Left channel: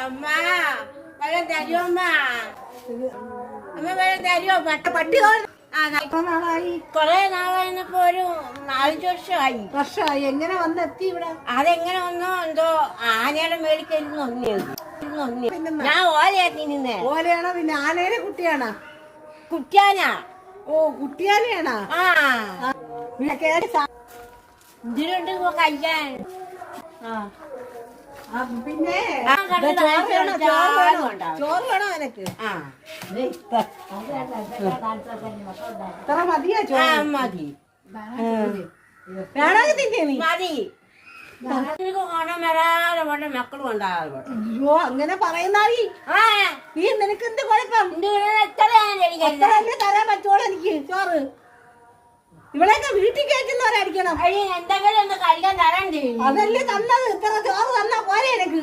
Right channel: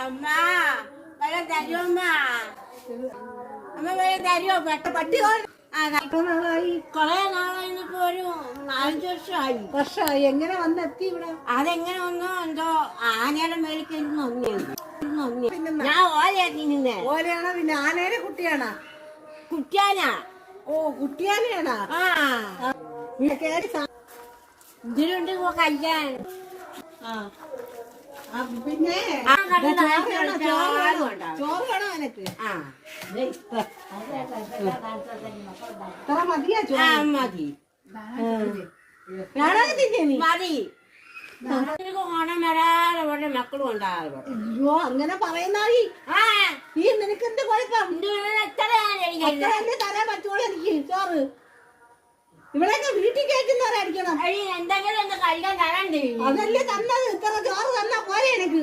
അമ്മ വെള്ളം തരുമോ അമ്മ? അമ്മ വെള്ളം തരുമോ? പട്ടി നാളായി കൊറേ നാളായിപ്പോ ഒരു 4 വർഷമായി. എങ്ങനെ വന്നെത്തി ഇവിടെ? അതെങ്ങനെ വന്നോ എന്തോ ആനയുടെ മേളിൽ ഞാൻ ഓലയാക്കി നിന്നേ. ഓലയാണോ പിന്നെ ആനയുടെ കുട്ടിയാണോ? കുട്ടിയാനാ. ഓ കുട്ടിയാനയാണോ? ഇതിലുണ്ട് കഴിക്കാൻ. പിന്നെ ചോറ് വേണോ എനക്ക്? ഇത്ര മതിയാ ചോറ്? മതി വേണോ തിന്നേ നീ? മതി. ഓണം വരാതെ പോലെ മക്കളും ഉണ്ടാകാതെ. അയ്യോ അങ്ങനെ പറയുന്നായി. ഈ നിനക്ക് എന്ത് കുഴപ്പം? എത്രയാണ് തരാൻ പറ്റുള്ളൂ എനിക്ക് ചോറ്. ഇവിടെയൊക്കെ വീട്ടിൽ കയറ്റുന്നവരായിരിക്കണം. എന്തെങ്കിലും ഒന്ന് കഴിക്കാൻ തരാൻ ചെയ്യും. അതല്ലേ തന്നത്. ഇത്ര ചോറ് തന്നാ പോലെ എനിക്ക്.